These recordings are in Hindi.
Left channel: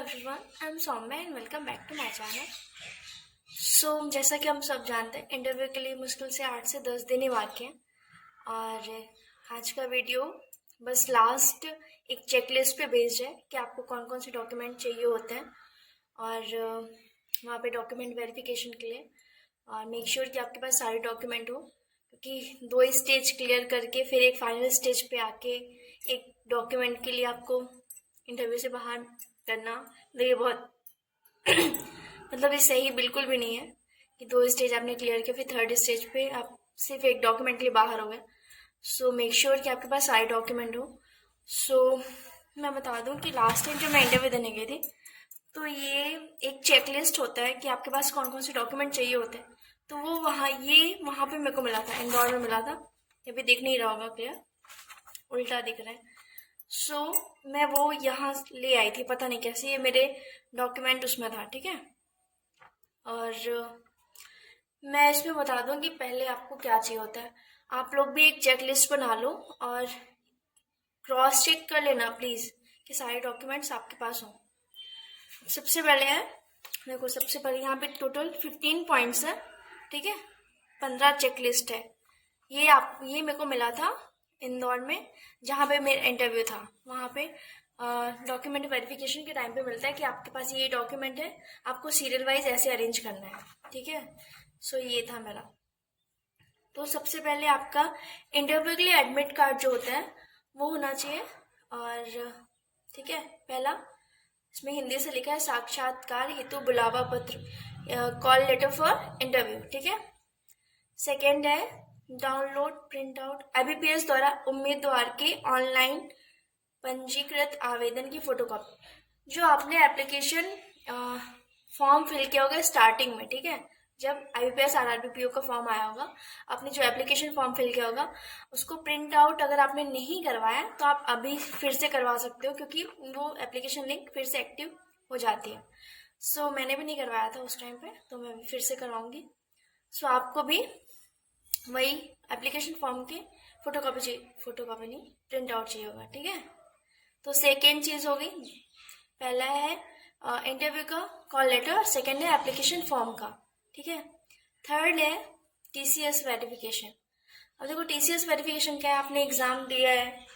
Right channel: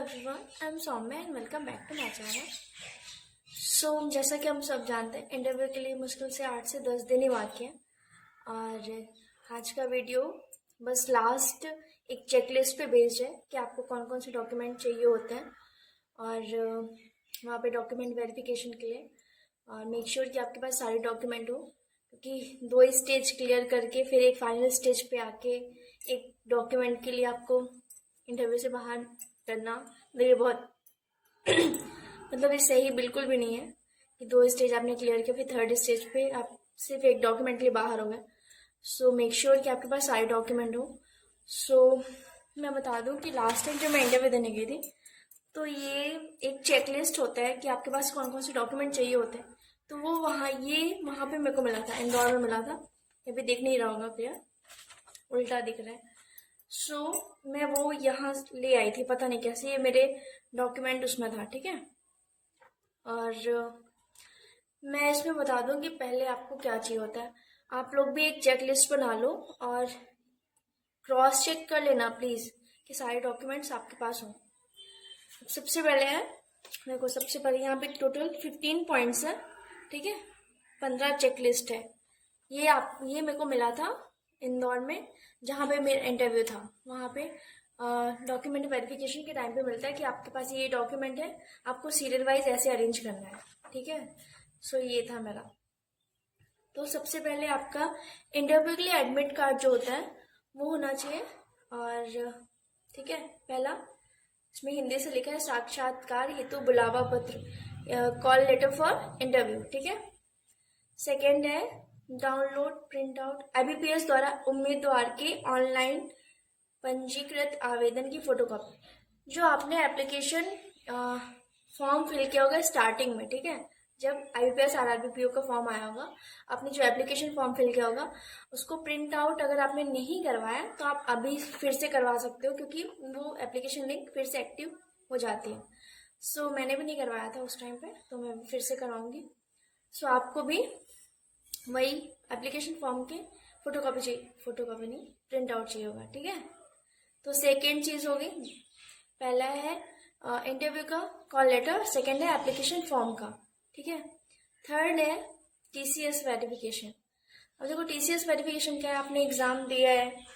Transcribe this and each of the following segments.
Everyone, I am Saumya and welcome back to my channel. जैसा कि हम सब जानते हैं, इंटरव्यू के लिए मुश्किल से 8 से 10 दिन ही बाकी हैं। और आज का वीडियो बस लास्ट एक चेकलिस्ट पे बेस्ड है कि आपको कौन कौन से डॉक्यूमेंट चाहिए होते हैं और वहाँ पे डॉक्यूमेंट वेरिफिकेशन के लिए। और मेक श्योर कि आपके पास सारे डॉक्यूमेंट हो, क्योंकि 2 स्टेज क्लियर करके फिर एक फाइनल स्टेज पे आके एक डॉक्यूमेंट के लिए आपको इंटरव्यू से बाहर करना, तो ये बहुत मतलब ये सही बिल्कुल भी नहीं है कि 2 स्टेज आपने क्लियर किया फिर 3rd स्टेज पे आप सिर्फ एक डॉक्यूमेंट के लिए बाहर हो गए। सो मेक श्योर कि आपके पास सारे डॉक्यूमेंट हो। मैं बता दूं कि लास्ट टाइम जो मैं इंटरव्यू देने गई थी, तो ये एक चेकलिस्ट होता है कि आपके पास कौन कौन से डॉक्यूमेंट चाहिए होते हैं। तो वो वहाँ पे मेरे को मिला था, इंदौर में मिला था। ये भी दिख नहीं रहा होगा, क्लियर उल्टा दिख रहा है। मैं वो यहाँ ले आई थी, पता नहीं कैसे, ये मेरे डॉक्यूमेंट उसमें था, ठीक है। और मैं इसमें बता दूं कि पहले आपको क्या चाहिए होता है। आप लोग भी एक चेकलिस्ट बना लो और क्रॉस चेक कर लेना प्लीज़ कि सारे डॉक्यूमेंट्स आपके पास हों। सबसे पहले है, देखो सबसे पहले यहाँ पे टोटल 15 पॉइंट्स है, ठीक है। 15 चेकलिस्ट है। ये मेरे को मिला था इंदौर में, जहाँ पे मेरा इंटरव्यू था। वहाँ पे डॉक्यूमेंट वेरिफिकेशन के टाइम पे मिलता है कि आपके पास ये डॉक्यूमेंट है, आपको सीरियल वाइज ऐसे अरेंज करना है, ठीक है। ये था मेरा। तो सबसे पहले आपका इंटरव्यू के लिए एडमिट कार्ड जो होता है वो होना चाहिए। और ठीक है, पहला इसमें हिंदी से लिखा है साक्षात्कार हेतु बुलावा पत्र, कॉल लेटर फॉर इंटरव्यू, ठीक है। सेकेंड है डाउनलोड प्रिंट आउट IBPS द्वारा उम्मीदवार के ऑनलाइन पंजीकृत आवेदन की फोटोकॉपी। जो आपने एप्लीकेशन फॉर्म फिल किया होगा स्टार्टिंग में, ठीक है, जब IBPS RRBPO का फॉर्म आया होगा, आपने जो एप्लीकेशन फॉर्म फिल किया होगा उसको प्रिंट आउट अगर आपने नहीं करवाया तो आप अभी फिर से करवा सकते हो, क्योंकि वो एप्लीकेशन लिंक फिर से एक्टिव हो जाती है। मैंने भी नहीं करवाया था उस टाइम पे, तो मैं भी फिर से करवाऊंगी। आपको भी वही एप्लीकेशन फॉर्म की फोटोकॉपी चाहिए, फोटोकॉपी नहीं, प्रिंट आउट चाहिए होगा, ठीक है। तो सेकेंड चीज़ हो गई, पहला है इंटरव्यू का कॉल लेटर, सेकेंड है एप्लीकेशन फॉर्म का, ठीक है। थर्ड है TCS वेरिफिकेशन। अब देखो TCS वेरिफिकेशन क्या है, आपने एग्ज़ाम दिया है,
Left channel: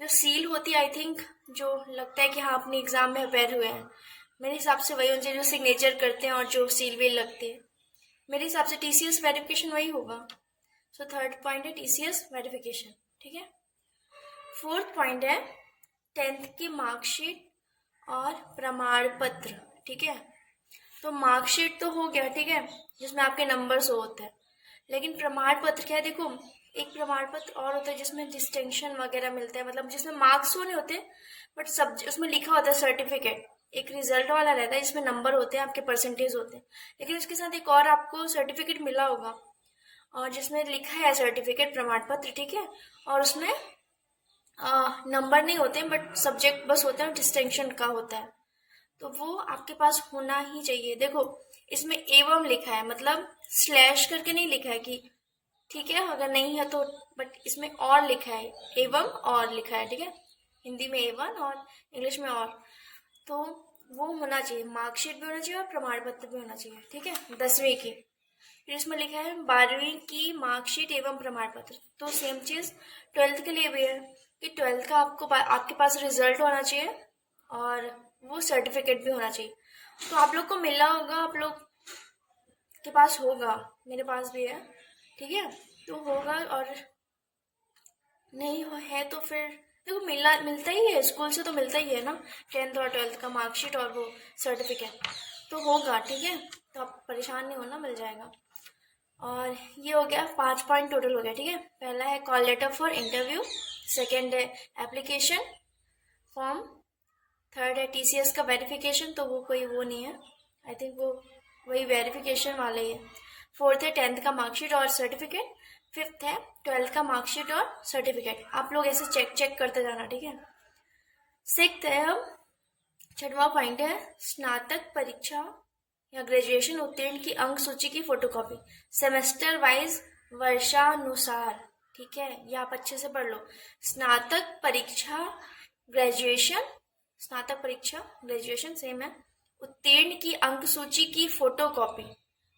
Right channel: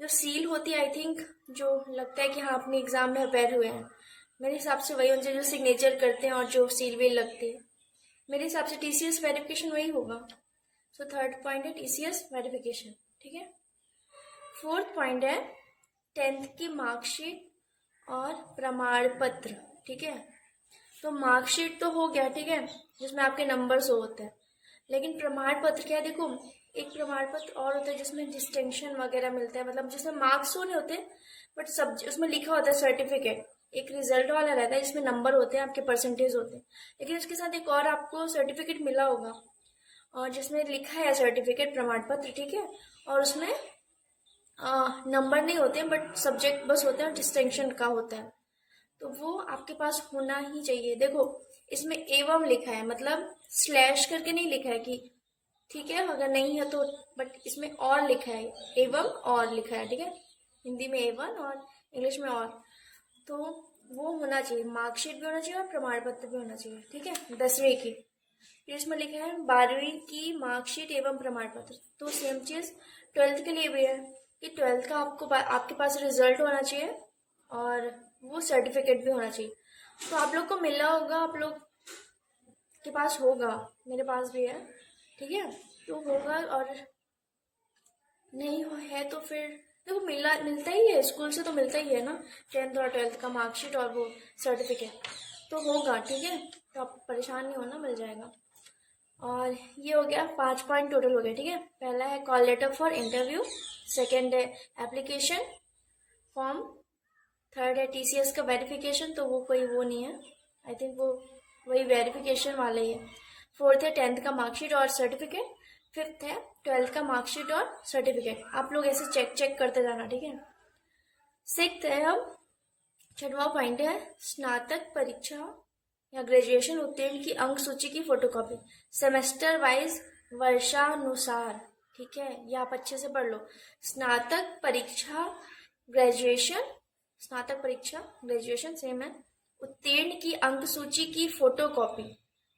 जो सील होती है, आई थिंक जो लगता है कि हाँ अपने एग्ज़ाम में अपेयर हुए हैं, मेरे हिसाब से वही होना चाहिए, जो सिग्नेचर करते हैं और जो सील वील लगती है। मेरे हिसाब से TCS वेरिफिकेशन वही होगा। थर्ड पॉइंट है TCS वेरिफिकेशन, ठीक है। फोर्थ पॉइंट है 10th की मार्कशीट और प्रमाण पत्र, ठीक है। तो मार्कशीट तो हो गया, ठीक है, जिसमें आपके नंबर्स होते हैं, लेकिन प्रमाण पत्र क्या है, देखो एक प्रमाण पत्र और होता है जिसमें डिस्टिंक्शन वगैरह मिलता है, मतलब जिसमें मार्क्स तो नहीं होते बट सब उसमें लिखा होता है सर्टिफिकेट। एक रिजल्ट वाला रहता है जिसमें नंबर होते हैं, आपके परसेंटेज होते हैं, लेकिन उसके साथ एक और आपको सर्टिफिकेट मिला होगा और जिसमें लिखा है सर्टिफिकेट प्रमाण पत्र, ठीक है, और उसमें नंबर नहीं होते बट सब्जेक्ट बस होते हैं और डिस्टिंक्शन का होता है, तो वो आपके पास होना ही चाहिए। देखो इसमें एवं लिखा है, मतलब स्लैश करके नहीं लिखा है कि, ठीक है, अगर नहीं है तो, बट इसमें और लिखा है, एवं और लिखा है, ठीक है, हिंदी में एवं और इंग्लिश में और, तो वो होना चाहिए। मार्कशीट भी होना चाहिए और प्रमाण पत्र भी होना चाहिए, ठीक है, 10वीं की। फिर इसमें लिखा है 12वीं की मार्कशीट एवं प्रमाण पत्र, तो सेम चीज़ 12th के लिए भी है कि 12th का आपके पास रिजल्ट होना चाहिए और वो सर्टिफिकेट भी होना चाहिए। तो आप लोग को मिला होगा, आप लोग के पास होगा, मेरे पास भी है, ठीक है, तो होगा। और नहीं है तो फिर देखो मिलता ही है, स्कूल से तो मिलता ही है ना, 10th और 12th का मार्कशीट और वो सर्टिफिकेट तो होगा, ठीक है, तो आप परेशान नहीं होना, मिल जाएगा। और ये हो गया 5 पॉइंट टोटल हो गया, ठीक है। पहला है call letter for interview, second है एप्लीकेशन फॉर्म, थर्ड है TCS का वेरिफिकेशन, तो वो नहीं है, आई थिंक वो वही वेरिफिकेशन वाला ही है। फोर्थ है 10th का मार्कशीट और सर्टिफिकेट, फिफ्थ है 12th का मार्कशीट और सर्टिफिकेट। आप लोग ऐसे चेक करते जाना, ठीक है। सिक्स्थ है, अब 6वां पॉइंट है स्नातक परीक्षा या ग्रेजुएशन उत्तीर्ण की अंक सूची की फोटोकॉपी सेमेस्टर वाइज वर्षानुसार, ठीक है, ये आप अच्छे से पढ़ लो। स्नातक परीक्षा, ग्रेजुएशन, स्नातक परीक्षा ग्रेजुएशन सेम है, उत्तीर्ण की अंक सूची की फोटो कॉपी,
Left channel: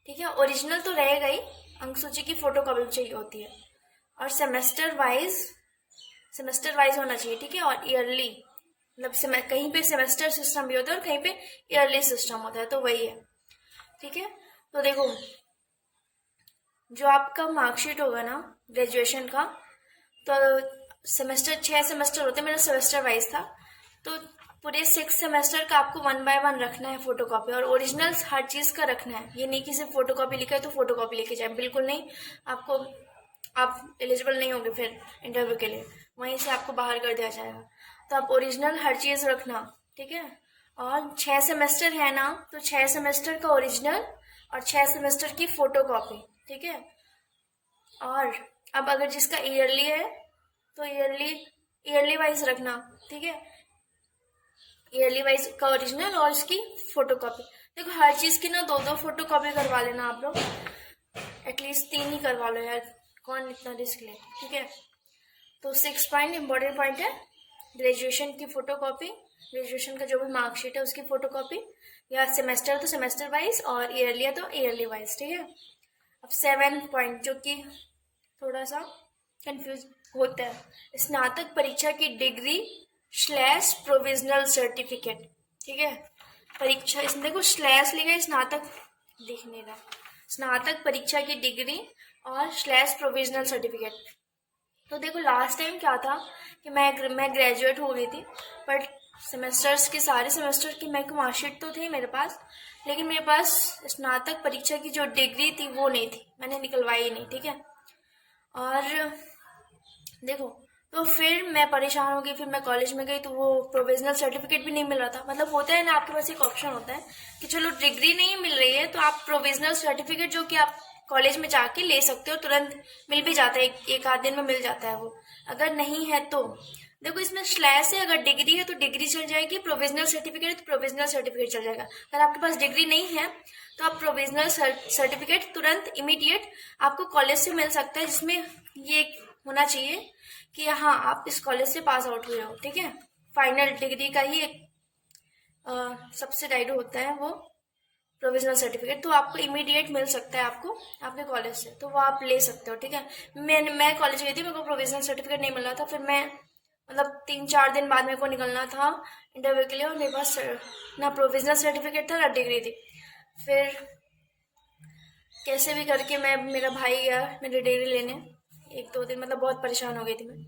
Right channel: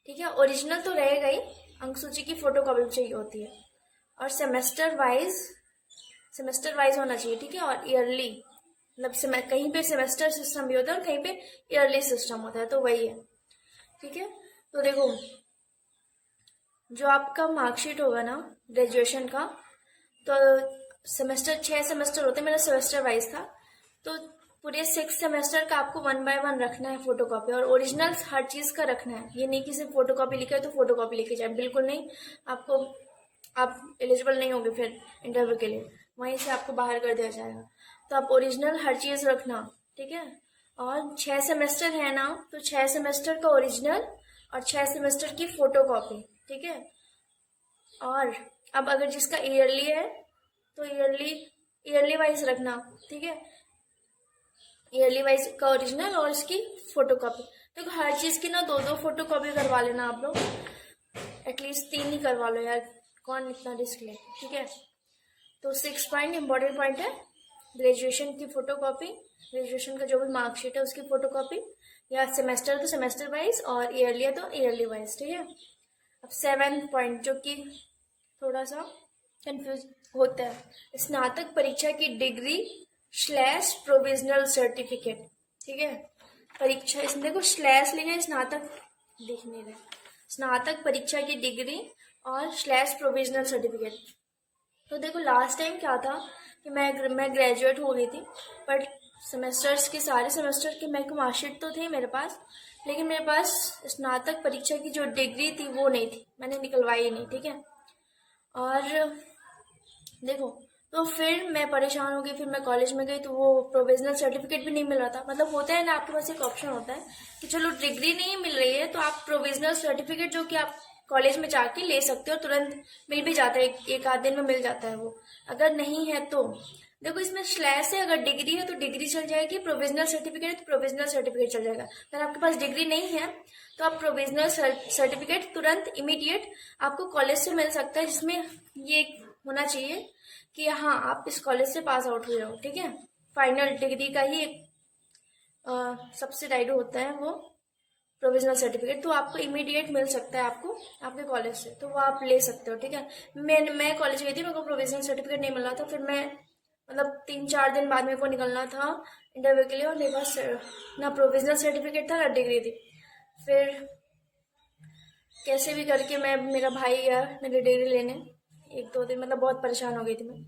ठीक है, ओरिजिनल तो रहेगा ही, अंक सूची की फोटो कॉपी चाहिए होती है, और सेमेस्टर वाइज होना चाहिए, ठीक है, और ईयरली, मतलब कहीं पे सेमेस्टर सिस्टम भी होता है और कहीं पे ईयरली सिस्टम होता है, तो वही है, ठीक है। तो देखो, जो आपका मार्कशीट होगा ना ग्रेजुएशन का, तो सेमेस्टर 6 सेमेस्टर होते हैं, मेरा सेमेस्टर वाइज था, तो पूरे 6 सेमेस्टर का आपको 1 बाय 1 रखना है फोटो कॉपी, और ओरिजिनल हर चीज का रखना है। ये नहीं कि सिर्फ फोटो कॉपी लिखा है तो फोटो कॉपी लेके जाए, बिल्कुल नहीं। आप एलिजिबल नहीं होंगे फिर इंटरव्यू के लिए, वहीं से आपको बाहर कर दिया जाएगा। तो आप ओरिजिनल हर चीज रखना, ठीक है। और 6 सेमेस्टर है ना, तो 6 सेमेस्टर का ओरिजिनल और 6 सेमेस्टर की फोटो कॉपी, ठीक है। और अब अगर जिसका ईयरली है तो ईयरली वाइज रखना, ठीक है, ईयरली वाइज का ओरिजिनल और इसकी फोटो कॉपी। देखो, हर चीज की ना 2-2 फोटो कॉपी करवा लेना आप लोग, एटलीस्ट 3 ही करवा लो यार, कौन इतना रिस्क ले, ठीक है। तो 6 पॉइंट इंपॉर्टेंट पॉइंट है, ग्रेजुएशन की फोटो कॉपी, ग्रेजुएशन का जो भी मार्कशीट है उसकी फोटो कॉपी, या सेमेस्टर तो सेमेस्टर वाइज और ईयरली है तो ईयरली वाइज, ठीक है। अब 7 पॉइंट जो कि थोड़ा सा कंफ्यूज होता है, स्नातक परीक्षा की डिग्री / प्रोविजनल सर्टिफिकेट, ठीक है। परीक्षा, इसमें देखो स्लैश लिखा है, स्नातक दिख नहीं रहा, स्नातक परीक्षा की डिग्री और / प्रोविजनल सर्टिफिकेट। तो देखो, लास्ट टाइम क्या था कि मैं ग्रेजुएट हो गई थी, बट सेमेस्टर्स के सारे सेमेस्टर की मेरे को मार्कशीट तो थी मेरे पास, लेकिन मेरे पास स्नातक परीक्षा की जो डिग्री थी वो नहीं थी, मैंने निकलवाई नहीं, ठीक है। और देखो, तो फिर मैं परेशान हो गई, फिर मैं कॉलेज में गई तो वो प्रोविजनल सर्टिफिकेट भी नहीं मिल रहा था। मतलब होता है ना, आपके पास एक ऑप्शन होता है कि चलो डिग्री नहीं मिल रही है तो आप प्रोविजनल सर्टिफिकेट जो कि आप कॉलेज में जाके ले सकते हो, तुरंत मिल भी जाता है, एक आध दिन में मिल जाता है वो। अगर नहीं है तो देखो, इसमें स्लैश है, अगर डिग्री है तो डिग्री चल जाएगी, प्रोविजनल सर्टिफिकेट है तो प्रोविजनल सर्टिफिकेट चल जाएगा। अगर आपके पास डिग्री नहीं है तो आप प्रोविजनल सर्टिफिकेट तुरंत इमीडिएट आपको कॉलेज से मिल सकता है, जिसमें ये होना चाहिए कि हाँ, आप इस कॉलेज से पास आउट हुए हो, ठीक है। फाइनल डिग्री का ही एक सब्सिडाइड होता है वो प्रोविजनल सर्टिफिकेट, तो आपको इमीडिएट मिल सकता है आपको आपके कॉलेज से, तो वो आप ले सकते हो, ठीक है। मैं कॉलेज गई थी, मेरे को प्रोविजनल सर्टिफिकेट नहीं मिल रहा था, फिर मैं मतलब 3-4 दिन बाद मेरे को निकलना था इंटरव्यू के लिए, और मेरे पास ना प्रोविजनल सर्टिफिकेट था ना डिग्री थी। फिर कैसे भी करके मेरा भाई गया मेरी डिग्री लेने, 1-2 दिन, मतलब बहुत परेशान हो गई थी मैं,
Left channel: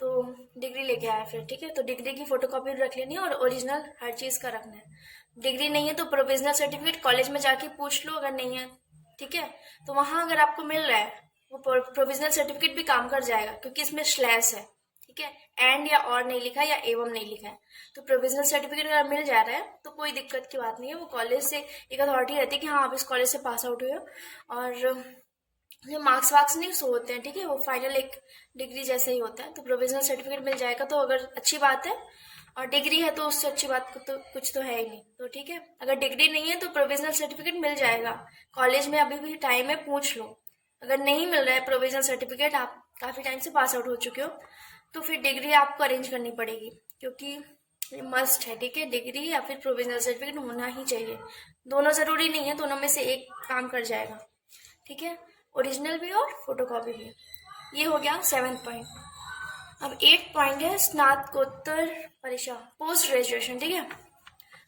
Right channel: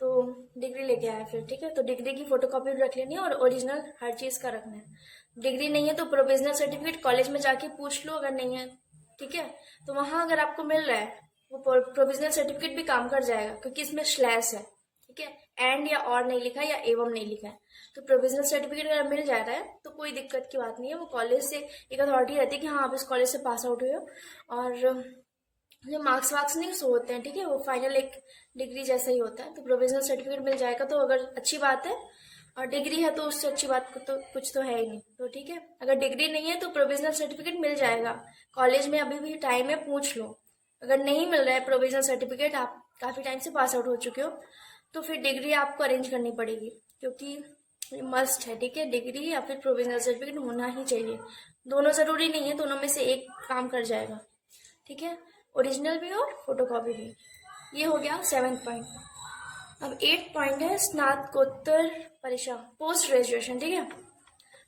तो डिग्री लेके आया फिर, ठीक है। तो डिग्री की फोटो कॉपी रख लेनी है और ओरिजिनल हर चीज़ का रखना है। डिग्री नहीं है तो प्रोविजनल सर्टिफिकेट कॉलेज में जाके पूछ लो, अगर नहीं है, ठीक है, तो वहाँ अगर आपको मिल रहा है वो प्रोविजनल सर्टिफिकेट भी काम कर जाएगा, क्योंकि इसमें स्लैश है, ठीक है, एंड या और नहीं लिखा है या एवं नहीं लिखा है। तो प्रोविजनल सर्टिफिकेट अगर मिल जा रहा है तो कोई दिक्कत की बात नहीं है, वो कॉलेज से एक अथॉरिटी रहती है कि हाँ, आप इस कॉलेज से पास आउट हुए हो, और जो मार्क्स वार्क्स नहीं शो होते हैं, ठीक है, वो फाइनल एक डिग्री जैसा ही होता है। तो प्रोविजनल सर्टिफिकेट मिल जाएगा तो अगर अच्छी बात है, और डिग्री है तो उससे अच्छी बात तो कुछ तो है ही नहीं, तो ठीक है। अगर डिग्री नहीं है तो प्रोविजनल सर्टिफिकेट मिल जाएगा कॉलेज में, अभी भी टाइम है, पूछ लो। अगर नहीं मिल रहा है प्रोविजनल सर्टिफिकेट, आप काफ़ी टाइम से पास आउट हो चुके हो, तो फिर डिग्री आपको अरेंज करनी पड़ेगी, क्योंकि मस्ट है, ठीक है, डिग्री या फिर प्रोविजनल सर्टिफिकेट होना ही चाहिए। दोनों ज़रूरी नहीं है, दोनों में से एक काम कर जाएगा, ठीक है, ओरिजिनल भी और फोटो कॉपी भी। ये हो गया 7 पॉइंट। अब 8 पॉइंट है स्नातकोत्तर परीक्षा, पोस्ट ग्रेजुएशन, ठीक है।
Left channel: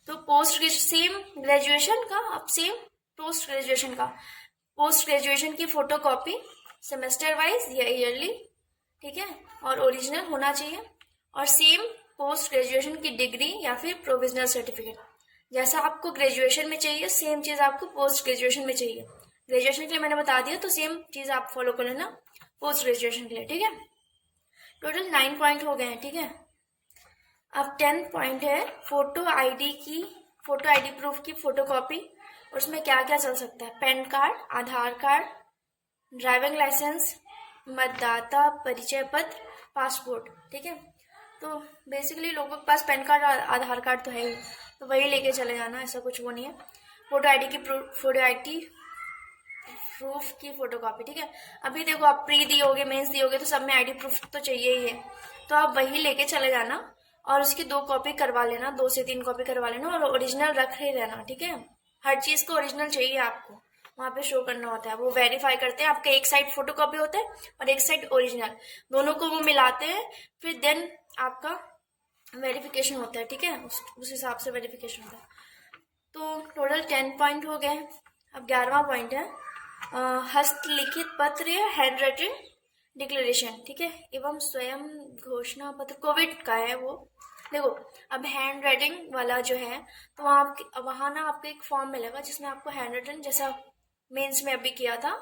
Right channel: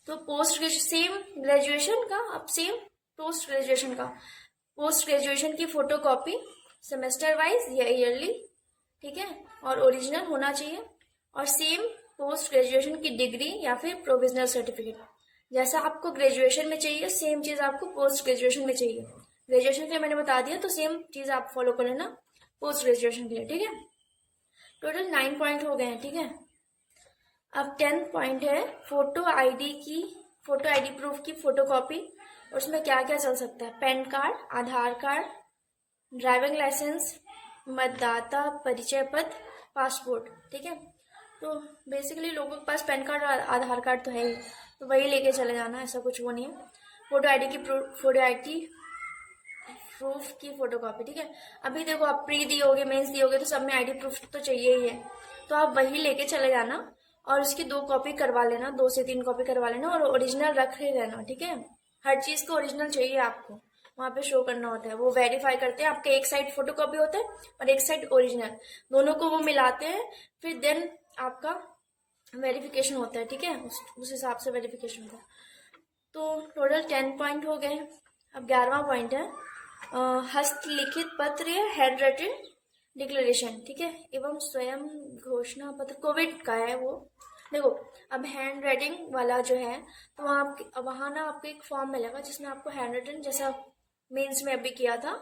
तो सेम ग्रेजुएशन का, अब सेम पोस्ट ग्रेजुएशन का, पोस्ट ग्रेजुएशन की फोटो कॉपी सेमेस्टर वाइज या ईयरली, ठीक है, और ओरिजिनल होना चाहिए, और सेम पोस्ट ग्रेजुएशन की डिग्री या फिर प्रोविजनल सर्टिफिकेट, जैसा आपको ग्रेजुएशन में चाहिए सेम चीज़ आपको पोस्ट ग्रेजुएशन में चाहिए। ग्रेजुएशन के लिए मैंने बता दिया, तो सेम चीज़ आप फॉलो कर लेना पोस्ट ग्रेजुएशन के लिए, ठीक है। टोटल 9 पॉइंट हो गए हैं, ठीक है। अब 10 पॉइंट है फोटो आईडी प्रूफ की फोटो कॉपी, और उसमें क्या क्या चल सकता है, pan card, Aadhaar card, driving licence, मतदाता परिचय पत्र, पासपोर्ट, ठीक है। तो बेसिकली लोगों के पास पैन कार्ड और आधार कार्ड तो है ही, तो वही लेके चले जाना, ऐसा कुछ वो नहीं है। फोटो आईडी प्रूफ की फोटो कॉपी, ठीक है। अभी देखो, आप प्री दियोगे, मेंस दियोगे, तो सब में आईडी प्रूफ तो चाहिए ही है, तो आप वही लेके चले जाना। और उसकी 2 कॉपी करवा लेना, 2 से 3 कॉपी करवा लेना, और ओरिजिनल रख ही रहना, ठीक है। हर चीज़ को ओरिजिनल चाहिए आपको, वहाँ पे शो करना होता है। वो वेरीफाई करते हैं, आपका एक साइड फोटो कॉपी होता है और एक साइड ओरिजिनल, दोनों को वो मिलाते हैं, फिर देन आपका वेरिफिकेशन होता है, ठीक है। उस हिसाब से वेरिफिकेशन होता है। तो टोटल 10 पॉइंट हो गए। अब 11वां पॉइंट है हस्तलिखित पत्र या हैंड राइटिंग डिक्लेरेशन, ठीक है, एवं स्वयं घोषणा पत्र। कोविड का है वो। देखो, अब हैंड राइटिंग वाला जो है, तो वहाँ ना आपको एक फॉर्म मिलेगा जिसमें आपको हैंड राइटिंग, जैसा मेंस में अभी किया था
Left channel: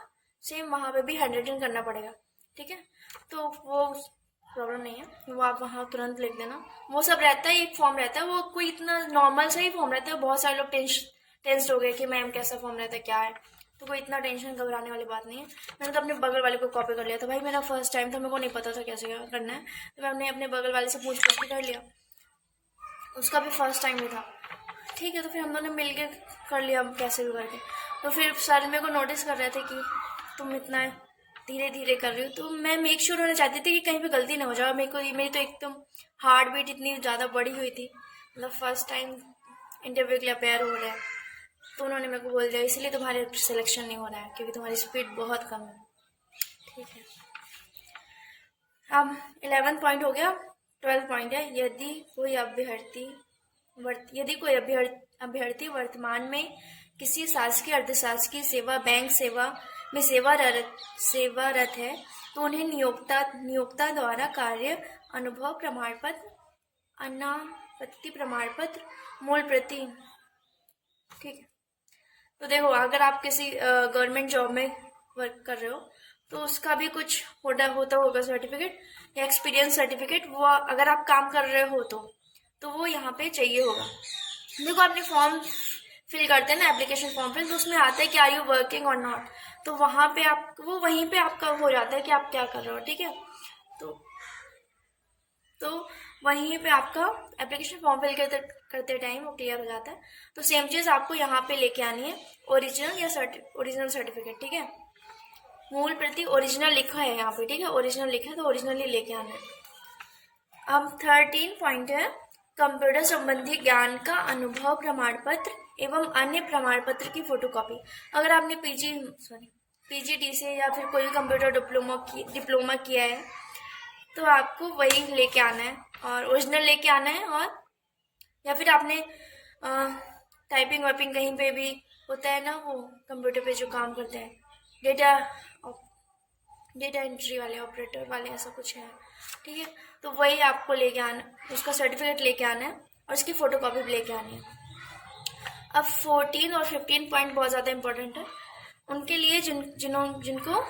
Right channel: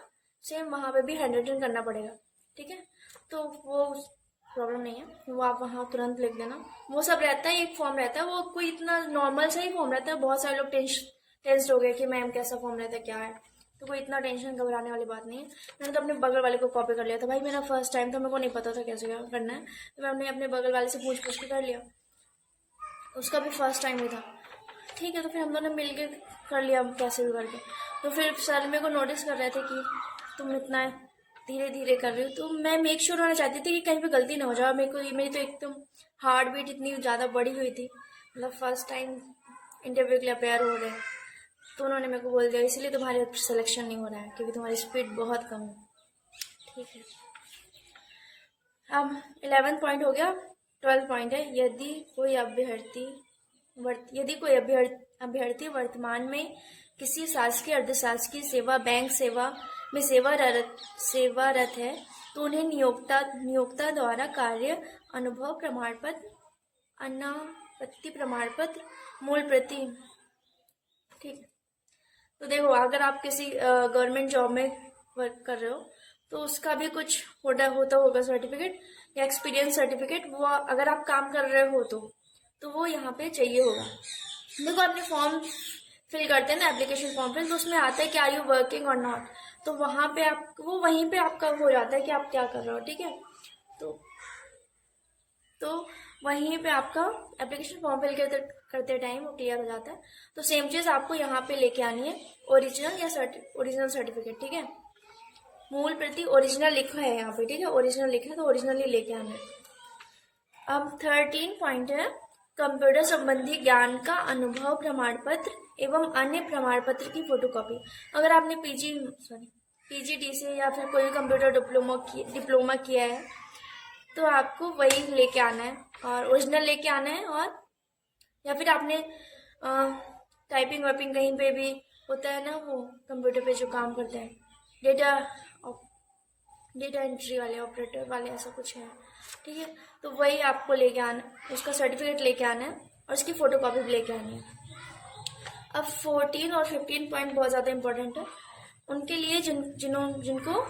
सेम, वहाँ पे भी हैंड राइटिंग करना पड़ेगा, ठीक है। तो वो प्रॉब्लम नहीं है, वो आप वहाँ तुरंत लिख देना। वो सब रहता है, एक फॉर्म रहता है, वो कोई इतना नॉर्मल सा ही फॉर्म रहता है। बहुत सारे लोग टेंस्ड हो गए कि मैम कैसा फॉर्म रहता है, क्या है, तो कोई इतना टेंशन घबराने वाली बात नहीं है। मैंने तो अपने बगल वाले को कॉपी कर लिया था भाई, मेरा फर्स्ट टाइम था, मेरे को नहीं पता था कैसे क्या करना है, तो मैंने अपने बगल वाले से पूछ के कर लिया, उसका भी फर्स्ट टाइम ही था, ठीक है। तो फिर हम दोनों मिल के कर लिया कैसे भी करके। तो फिर सर मेरे को नोटिस कर रहे थे कि तुम इतना धीरे धीरे कर रही हो, तो मैं मेक श्योर होना चाहती थी कि कहीं पे गलती ना हो जाए। मेरी तो एकदम हार्ट बीट इतनी ज़्यादा बढ़ी हुई थी, मतलब फर्स्ट टाइम इंटरव्यू के लिए अपेयर हो रहे हैं, तो उन्होंने मेरे को बोल दिया इसलिए तुम्हारे सिलेक्शन नहीं हो रहा है, क्योंकि तुम्हारी स्पीड बहुत कम है, ठीक है। अब 11 पॉइंट हो गया। 12 पॉइंट है यदि कोई अभ्यर्थी वर्तमान में किसी शासकीय अर्धशासकीय सेवा बैंक सेवा में सेवारत है, तो उन्हें नियोक्ता द्वारा कार्य अनुभव प्रमाण पत्र, अनापत्ति प्रमाण पत्र, मूल प्रति, ठीक है। तो देखो, अगर आप किसी गवर्नमेंट जॉब में वर्क कर रहे हो, तो उसका भी कुछ होता होगा सर्टिफिकेट या एक्सपीरियंस सर्टिफिकेट, वो अगर आप काम कर रहे हो तो वो यहाँ पे चाहिए होगा। देखो, आपने फॉर्म फिल करते हैं ना, एप्लीकेशन फॉर्म फिल, तो उसमें आता है कि आर यू वर्किंग और नॉट, तो वहाँ पे वहीं पे आपका हो जाता है कि आप क्या कर रहे हो, ठीक है। तो वहीं पे आपका एप्लीकेशन फॉर्म फिल करते टाइम वो क्लियर हो जाता है। तो सेम चीज़ आपको यहाँ पे लेके आनी है, ओरिजिनल सर्टिफिकेट, ठीक है। मूल प्रति ओरिजिनल लिखा है यहाँ पे, ठीक है, ओरिजिनल लिखा है तो ओरिजिनल ही लेके आना है। अब 13 पॉइंट है कंप्यूटर संबंधी ज्ञान का अनुभव प्रमाण पत्र एवं अन्य प्रमाण पत्र की फोटोकॉपी। अगर आपने पीजीडीसी या फिर कोई कंप्यूटर डिप्लोमा किया है, तो आपको वही लेके आना है, और ओरिजिनल लेके आना है। और या फिर आपने टाइपिंग वाइपिंग कहीं पे भी होता है ना, वो कंप्यूटर पे जो काम करते हैं, डेटा एंट्री वाले, ऑपरेटर वाले, ऐसा कुछ है, ठीक है। तो वही आपको लेके आना, उसका सर्टिफिकेट लेके आना है और उसकी फोटोकॉपी भी लेके आनी है। अब 14 और 15 पॉइंट बहुत ज़्यादा इंपॉर्टेंट है उनके लिए जिनको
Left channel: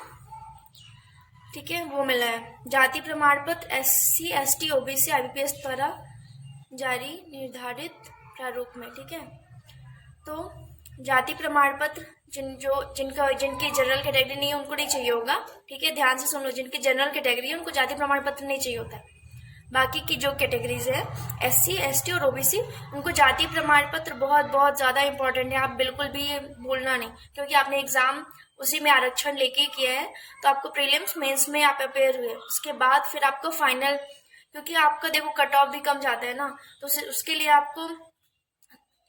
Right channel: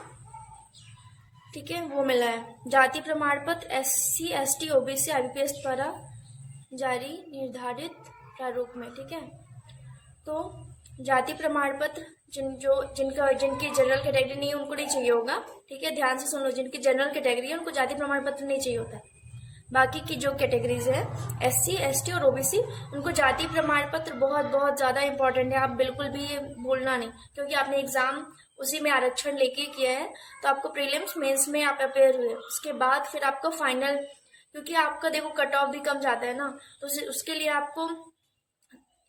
ठीक है वो मिला है। जाति प्रमाण पत्र SC ST OBC IBPS द्वारा जारी निर्धारित प्रारूप में, ठीक है। तो जाति प्रमाण पत्र जिनकी जनरल कैटेगरी नहीं है उनको नहीं चाहिए होगा, ठीक है, ध्यान से सुन लो। जिनकी जनरल कैटेगरी है उनको जाति प्रमाण पत्र नहीं चाहिए होता है। बाकी की जो कैटेगरीज है SC ST और OBC, उनको जाति प्रमाण पत्र बहुत बहुत ज़्यादा इंपॉर्टेंट है। आप बिल्कुल भी ये भूलना नहीं, क्योंकि आपने एग्जाम उसी में आरक्षण लेके किया है, तो आपको प्रीलिम्स मेंस में आप अपेयर हुए, उसके बाद फिर आपको फाइनल, क्योंकि आपका देखो कट ऑफ भी कम जाता है ना, तो उसके लिए आपको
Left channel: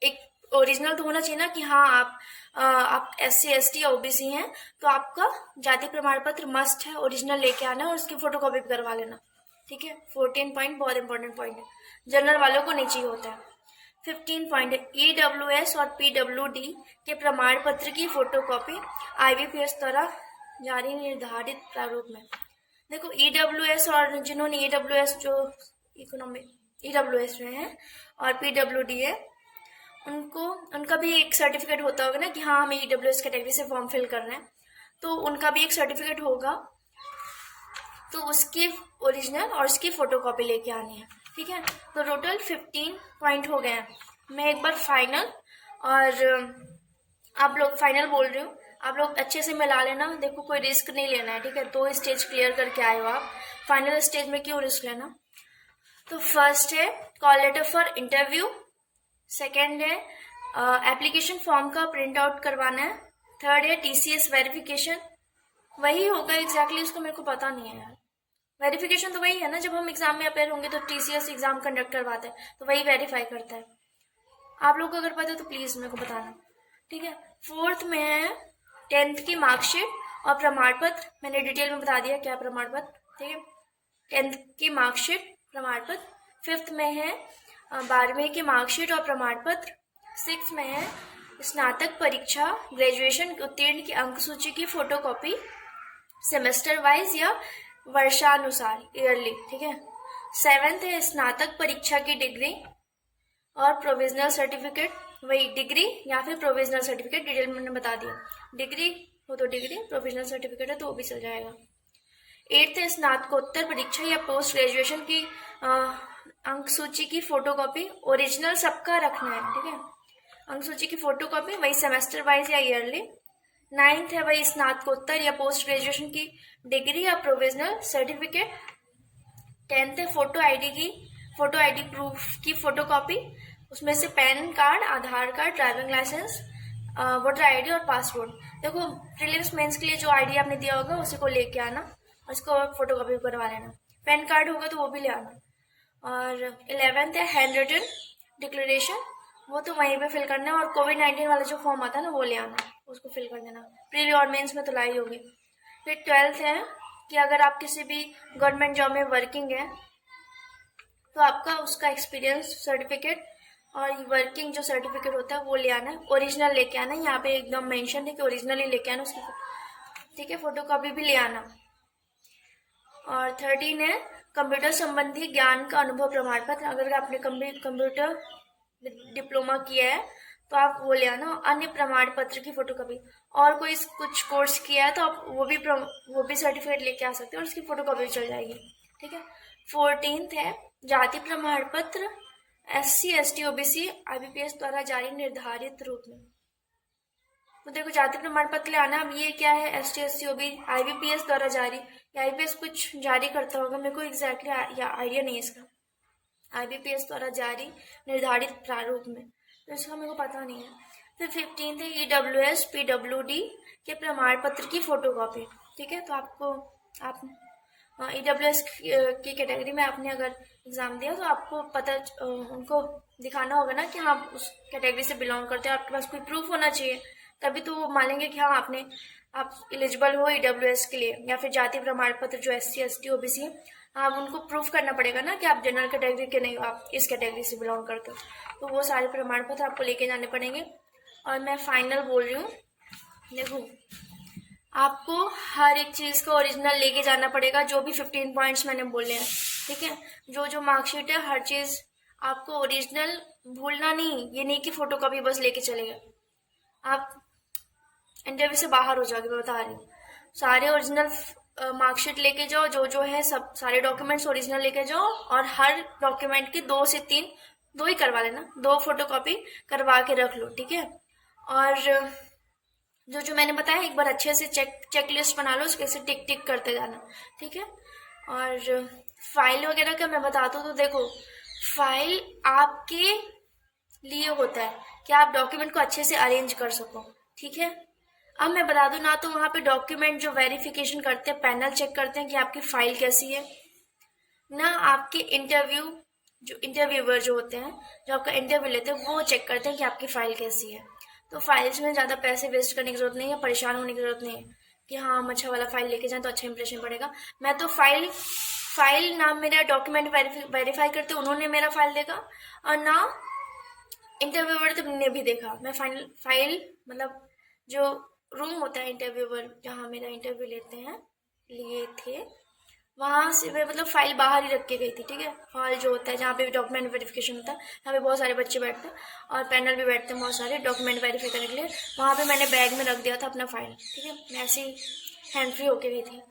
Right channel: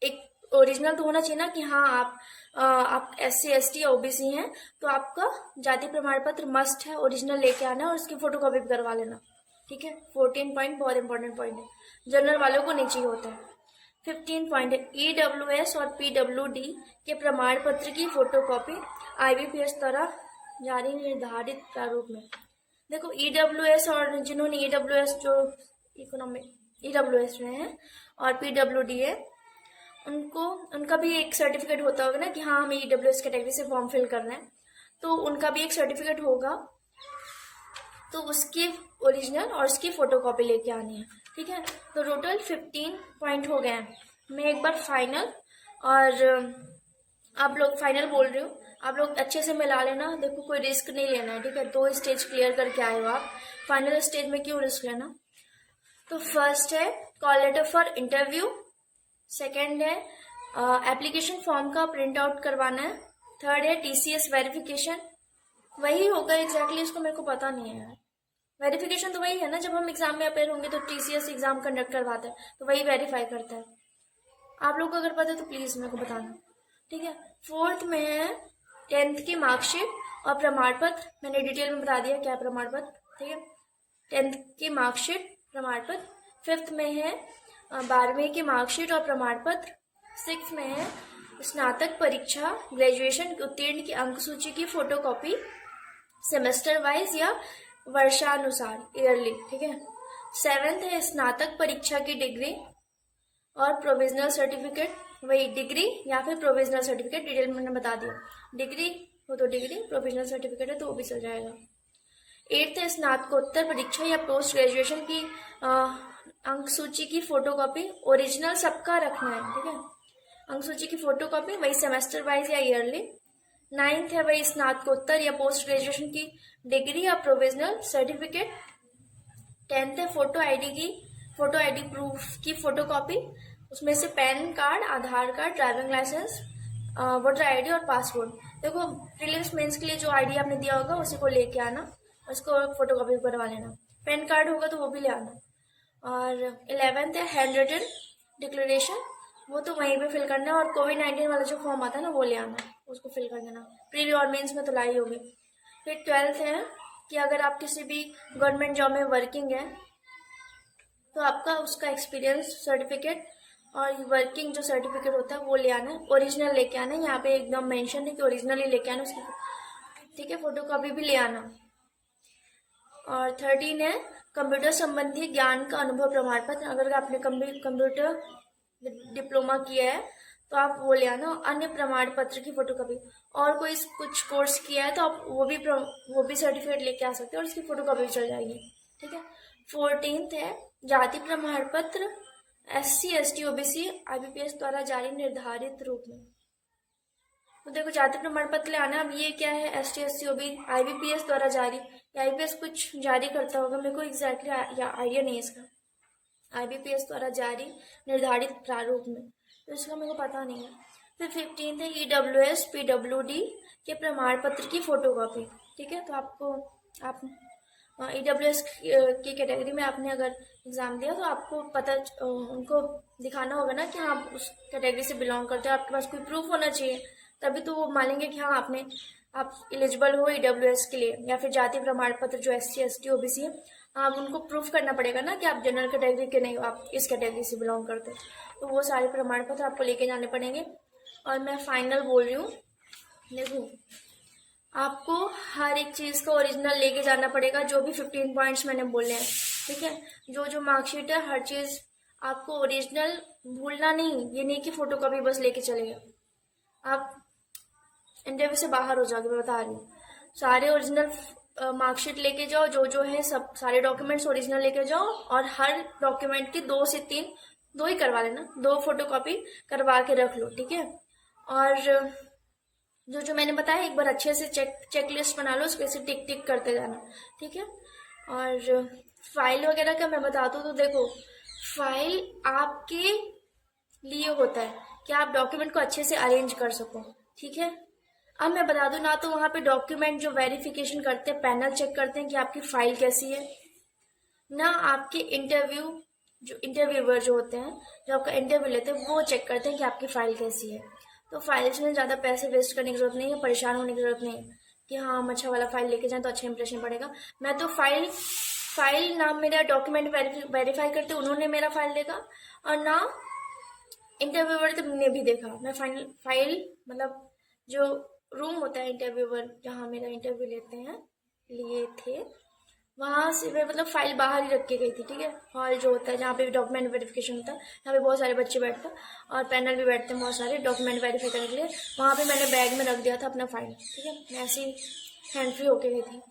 एक ओरिजिनल तो होना चाहिए ना कि हाँ आप SC ST या OBC हैं, तो आपका जाति प्रमाण पत्र मस्ट है, ओरिजिनल लेके आना और उसकी फोटोकॉपी भी करवा लेना, ठीक है। 14 पॉइंट बहुत इंपॉर्टेंट पॉइंट है, जनरल वालों को नहीं चाहिए होता है। 15 पॉइंट है EWS और PWD के प्रमाण पत्र की फोटोकॉपी IBPS द्वारा जारी निर्धारित प्रारूप में। देखो EWS और जिन्होंने EWS जो इकोनॉमिक EWS में है और PWD है, उनका भी एक सर्टिफिकेट होता होगा ना कि हाँ हमें EWS कैटेगरी से फॉर्म फिल करना है, तो उनका भी एक सर्टिफिकेट होगा, तो उसकी ओरिजिनल और उसकी फोटोकॉपी लेके आनी है, ठीक है। तो टोटल 15 पॉइंट हो गए हैं। मैं एक बार फाइनल और आप लोग फाइनल बोल रही हूँ, आप लोग अच्छे से मिला लेना। देखो कोई रिस्क नहीं लेना है, ठीक है। 2 स्टेज क्लियर करके आए हो आप, फाइनल स्टेज में क्यों रिस्क लेना। तो फर्स्ट है call letter for interview, second है एप्लीकेशन फॉर्म का प्रिंट आउट करवाना है, थर्ड है TCS वेरिफिकेशन, वही होगा एग्जैक्टली, उसको मेरे को पता नहीं है यार, वेरिफिकेशन तो वही है ना, जब हम एग्जाम में अपेयर होंगे तो टीसीएस एग्जाम कंडक्ट करवाता है, तो वही वेरीफाई करता है। आप लोग को अगर पता है तो प्लीज मेरे को बताना, ठीक है। फोर्थ में है 10th की मार्कशीट और प्रमाण पत्र, मैंने डिटेल में बता दिया क्या प्रमाण पत्र, ठीक है। 10th की मार्कशीट, प्रमाण पत्र। 5th में है 12वीं की मार्कशीट और प्रमाण पत्र। 6th में है स्नातक परीक्षा ग्रेजुएशन उत्तीर्ण की अंक सूची की फोटोकॉपी, सेमेस्टर वाइज या वर्षानुसार, ईयरली, ठीक है। 7th है स्नातक परीक्षा की डिग्री और प्रोविजनल सर्टिफिकेट, वही डिग्री या फिर प्रोविजनल सर्टिफिकेट, डिटेल मैंने बता दिया। डिग्री हो तो डिग्री, प्रोविजनल सर्टिफिकेट है तो वो भी चल जाएगा। 8th है स्नातकोत्तर परीक्षा या पोस्ट ग्रेजुएशन की अंक सूची की फोटोकॉपी, ओरिजिनल सबका रखना है, ठीक है। अंक सूची की फोटोकॉपी, वही सेमेस्टर वाइज या ईयरली। 9th है वही स्नातकोत्तर या पोस्ट ग्रेजुएशन की डिग्री या प्रोविजनल सर्टिफिकेट। 10th है फोटो आईडी प्रूफ की फोटोकॉपी, उसमें से PAN card, Aadhaar card, driving licence, voter ID और पासपोर्ट। देखो प्रीलिम्स मेंस के लिए जो आईडी आपने दिया होगा उसी को लेके आना, उसको फोटोकॉपी करवा लेना। पैन कार्ड होगा तो वो भी ले आना। और 11th है हैंड रिटन डिक्लेरेशन, वो तो वहीं पे फिल करना है। और कोविड-19 वाला जो फॉर्म आता है ना वो ले आना, उसको फिल कर देना। प्रीली और मेंस में तो लाई होगी। फिर 12th है कि अगर आप किसी भी गवर्नमेंट जॉब में वर्किंग है तो आपका उसका एक्सपीरियंस सर्टिफिकेट और वर्किंग जो सर्टिफिकेट होता है वो ले आना है, ओरिजिनल लेके आना है। यहाँ पे एकदम मेंशन है कि ओरिजिनल ही लेके आना उसकी, ठीक है। फोटोकॉपी भी ले आना। और 13 है कंप्यूटर संबंधी ज्ञान का अनुभव प्रमाण पत्र, अगर आपने कंप्यूटर डिप्लोमा किया है तो आप वो ले आना। अन्य प्रमाण पत्र की फोटोकॉपी, और कोई कुछ कोर्स किया है तो आप वो भी सर्टिफिकेट लेके आ सकते हो और इसकी फोटोकॉपी भी चल जाएगी, ठीक है। 14th है जाति प्रमाण पत्र SC ST OBC IBPS द्वारा जारी निर्धारित रूप में। तो देखो जाति प्रमाण पत्र ले आना। अब ये क्या है, ST SC OBC IBPS द्वारा जारी, IBPS कुछ जारी करता होगा, मेरे को एग्जैक्टली आइडिया नहीं है इसका। IBPS द्वारा जारी निर्धारित प्रारूप में, तो इसका मेरे को पता नहीं है। फिर 15th है EWS PWD के प्रमाण पत्र की फोटोकॉपी, ठीक है। तो आप EWS की कैटेगरी में आपने अगर एग्जाम दिया तो आपको पता उनको दिखाना होगा ना कि हाँ उस कैटेगरी से बिलोंग करते हो, आपके पास कोई प्रूफ होना चाहिए, तभी तो वो मानेंगे कि हाँ आप एलिजिबल हो EWS के लिए। या फिर जाति प्रमाण पत्र जो SC ST OBC है, आप उनको प्रूफ करना पड़ेगा ना कि आप जनरल कैटेगरी के नहीं हो, आप इस कैटेगरी से बिलोंग करते हो, तो वो सारे प्रमाण पत्र आपको लेके जाने पड़ेंगे। और मैं फाइनल बोल रही हूँ, देखो आपको हर एक चीज़ का ओरिजिनल लेके जाना पड़ेगा, जो भी 15 पॉइंट्स मैंने बोले हैं, ठीक है। जो मार्कशीट है हर चीज़ आपको ओरिजिनल भूलना नहीं, ये नहीं कि फोटोकॉपी बस लेके चलेगा, आप इंटरव्यू से बाहर हो जाओगे। मैं बता रही हूँ, सारे ओरिजिनल मार्कशीट लेके जाओ, जो है सब सारे डॉक्यूमेंट्स ओरिजिनल लेके जाओ, और हर डॉक्यूमेंट की 2 से 3, 2 ही करवा लेना, 2 फोटोकॉपी करवा के रख लो, ठीक है। और जो मैंने बताया एक बार अच्छे से चेक लिस्ट बना लो, उसके से टिक टिक करते जाना, ठीक है। और फाइल वगैरह का मैं बता दूँ तो देखो फाइल आपके लिए होता है कि आप डॉक्यूमेंट को अच्छे से अरेंज कर सको, ठीक है। अब मैं बता दूं ना, तो वहाँ पे डॉक्यूमेंट जो वेरिफिकेशन करते हैं, पैनल चेक करते हैं कि आपकी फाइल कैसी है ना, आपके इंटरव्यूअर जो होते हैं, जो आपका इंटरव्यू लेते हैं, वो चेक करते हैं कि आपकी फाइल कैसी है। तो फाइल्स में ज़्यादा पैसे वेस्ट करने की जरूरत नहीं है, परेशान होने की जरूरत नहीं है कि हाँ हम अच्छा वाला फाइल लेके जाएं तो अच्छा इंप्रेशन पड़ेगा। मैं तो फाइल ना मेरा डॉक्यूमेंट वेरीफाई करते उन्होंने मेरा फाइल देखा, और ना इंटरव्यूअर ने भी देखा। मैं फाइल मतलब जो रूम होता है इंटरव्यूअर जहाँ मेरा इंटरव्यू लिए थे, वहाँ से मैं मतलब फाइल बाहर ही रख के गई थी, ठीक है। हॉल जो होता है जहाँ पे डॉक्यूमेंट वेरिफिकेशन होता है, यहाँ पे बहुत सारे बच्चे बैठते हैं और पैनल भी बैठते हैं बहुत सारे डॉक्यूमेंट वेरीफाई करने के लिए, वहाँ पे मैंने बैग में रख दिया था अपना फाइल, ठीक है। मैं ऐसे ही हैंड फ्री होके गई थी।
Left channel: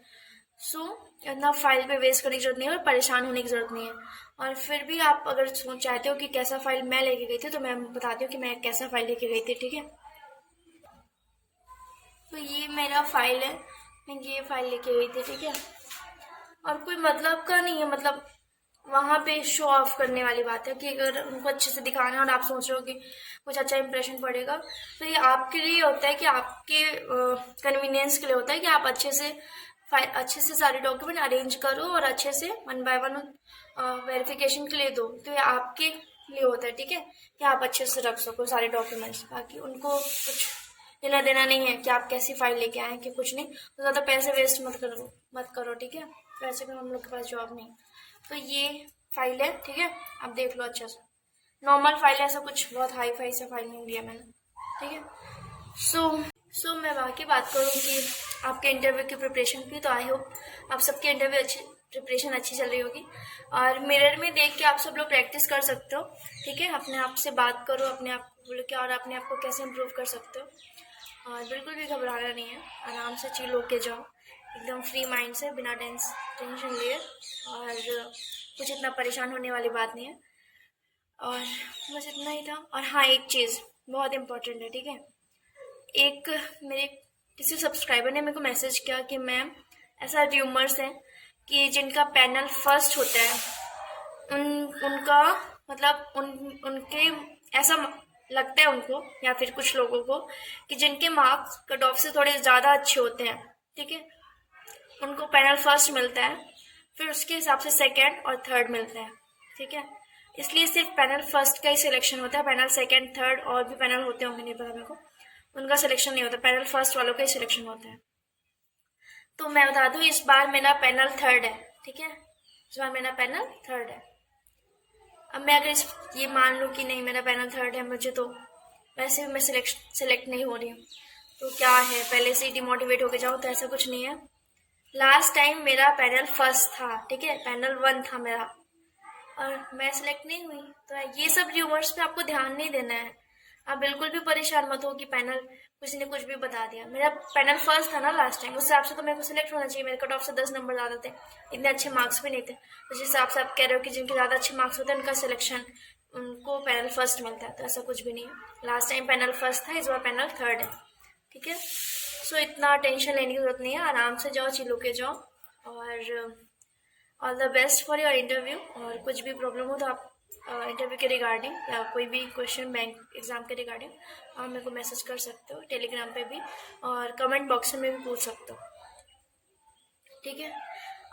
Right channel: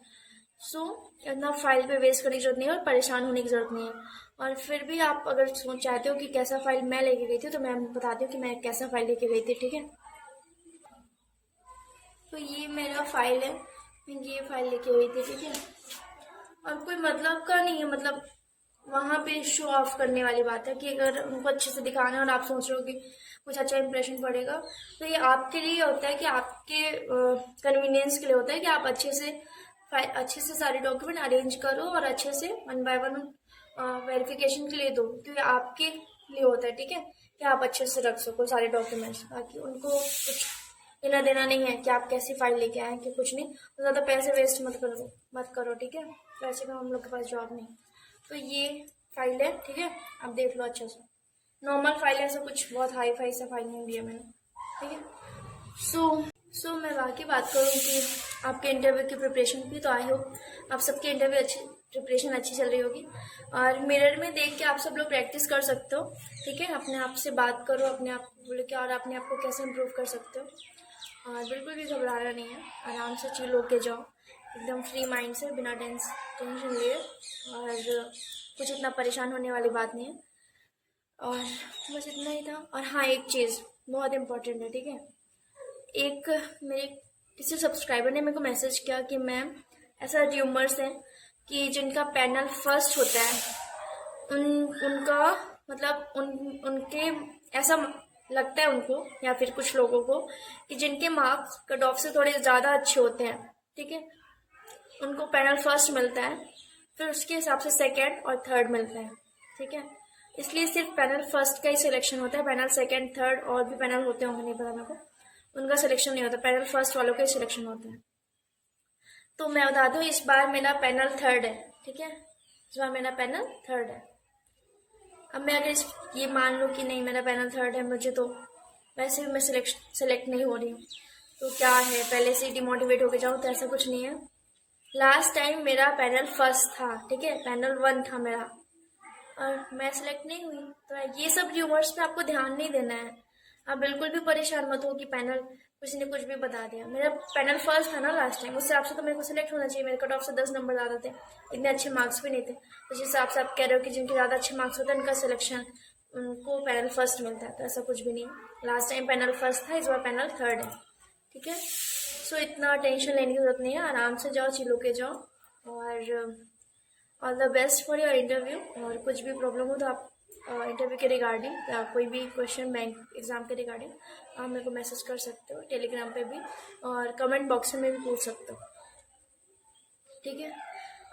सो इतना फाइल पे वेस्ट करने की जरूरत नहीं है और परेशान होने की जरूरत नहीं है। और फिर भी आप अगर चाहते हो कि कैसा फाइल मैं लेके गई थी, तो मैं बताती हूँ कि मैं कैसा फाइल लेके गई थी, ठीक है। तो ये मेरा फाइल है, मैं ये फाइल लेके गई थी, ठीक है। और कोई मतलब का नहीं है, मतलब वहाँ पे शो ऑफ करने वाली बात है कि अगर उनको अच्छे से दिखाना है और आप सोच रहे हो कि कुछ अच्छा इंप्रेशन पड़ेगा, तो ये आपके लिए होता है कि आपके कन्वीनियंस के लिए होता है कि आप अच्छे से अच्छे से सारे डॉक्यूमेंट अरेंज करो और अच्छे से 1 बाय 1 वेरिफिकेशन के लिए दो। तो ये आपके लिए होता है, ठीक है, कि आप अच्छे से रख सको सारे डॉक्यूमेंट्स। बाकी उनको कुछ लेना देना नहीं है कि आप कैसी फाइल लेके आए कि कुछ नहीं। तो ज़्यादा पैसे वेस्ट मत करो, ठीक है। वैसे भी हम लोग के पास जॉब नहीं। तो ये फाइल है, ठीक है, आप देख लो अच्छे से। नॉर्मल फाइल है, ऐसा कुछ बहुत हाई फाई सा फाइल नहीं दिया मैंने, ठीक है। सो मैं बाकी बात करूँ कि आपके इंटरव्यू की प्रिपरेशन की, तो आई होप आप सबकी इंटरव्यू प्रिपरेशन अच्छी चल रही होगी। और मिरर में देख के आप सब लोग प्रैक्टिस कर सकते हो, ठीक है। अपने आप से बात करो, अपने आप को बोलो कि और अपने आप को कैसे इम्प्रूव कर सकते हो। और बिल्कुल भी घबराना नहीं है, आराम से चिल होके जाओ, एकदम फ्री माइंड से, बिना टेंशन लिए। और कुछ इतना परेशान होने वाली बात नहीं है। और बस इतना ही था। और हाँ, एक चीज़ बहुत इम्पोर्टेंट है, ठीक है। एक मेरे किसी सब्सक्राइबर ने मेरे को मैसेज किया कि मैम, ऐसा र्यूमर्स है कि जिनका पैनल फर्स्ट होता है उनका मतलब उनके ऐसा लगता है उनको, या फिर कुछ लोगों को, कि जिनके मार्क्स कट ऑफ से थोड़े ज़्यादा अच्छे होते हैं, ठीक है, उनको पैनल फर्स्ट मिलता है, फिर उसके हिसाब से सेकेंड और थर्ड मिलता है, ठीक है। इसलिए सिर्फ पैनल फर्स्ट का ही सिलेक्शन होता है, पैनल सेकेंड थर्ड और भी पैनल होते होंगे, नहीं पता मेरे को, उनका सिलेक्शन नहीं होता, पैनल फर्स्ट वालों का ही सिलेक्शन होता है। तो मैं बता दूँ, इस बार मेरा पैनल थर्ड है, ठीक है, इस बार मेरा पैनल थर्ड है। अब मैं अगर ये मान लूँ कि नहीं मेरा पैनल थर्ड है, मुझे तो वैसे भी मैं सिलेक्ट नहीं हो रही हूँ, तो क्या है, पहले से ही डिमोटिवेट होके जाऊँ, तो ऐसा कुछ नहीं है। लास्ट टाइम मेरा पैनल फर्स्ट था, ठीक है, पैनल 1 था मेरा, और मैं सिलेक्ट नहीं हुई। तो ये सब र्यूमर्स पे आपको ध्यान नहीं देना है। आप बिल्कुल भी परेशान मत हो कि पैनल किसी ने कुछ भी बता दिया। मेरा पैनल फर्स्ट था ना लास्ट टाइम, उस हिसाब से तो मेरे को सिलेक्ट होना चाहिए। मेरे कट ऑफ से 10 नंबर ज़्यादा थे, इतने अच्छे मार्क्स भी नहीं थे। तो जिस हिसाब से आप कह रहे हो कि जिनके ज़्यादा अच्छे मार्क्स होते हैं उनका सिलेक्शन, उनको पैनल फर्स्ट मिलता है, तो ऐसा कुछ भी नहीं है। लास्ट टाइम पैनल फर्स्ट था, इस बार पैनल थर्ड है, ठीक है। सो इतना टेंशन लेने की जरूरत नहीं है, आराम से जाओ, चिल होके जाओ। और all the best for your interview. और कुछ भी प्रॉब्लम हो तो आप इंटरव्यू के रिगार्डिंग या कोई भी क्वेश्चन बैंक एग्ज़ाम के रिगार्डिंग आप मेरे को मैसेज कर सकते हो, टेलीग्राम पे भी, और कमेंट बॉक्स में भी पूछ सकते हो, ठीक है।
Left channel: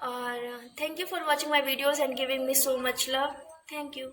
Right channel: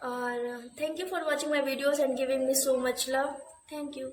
और thank you for watching my videos and giving me so much love. Thank you.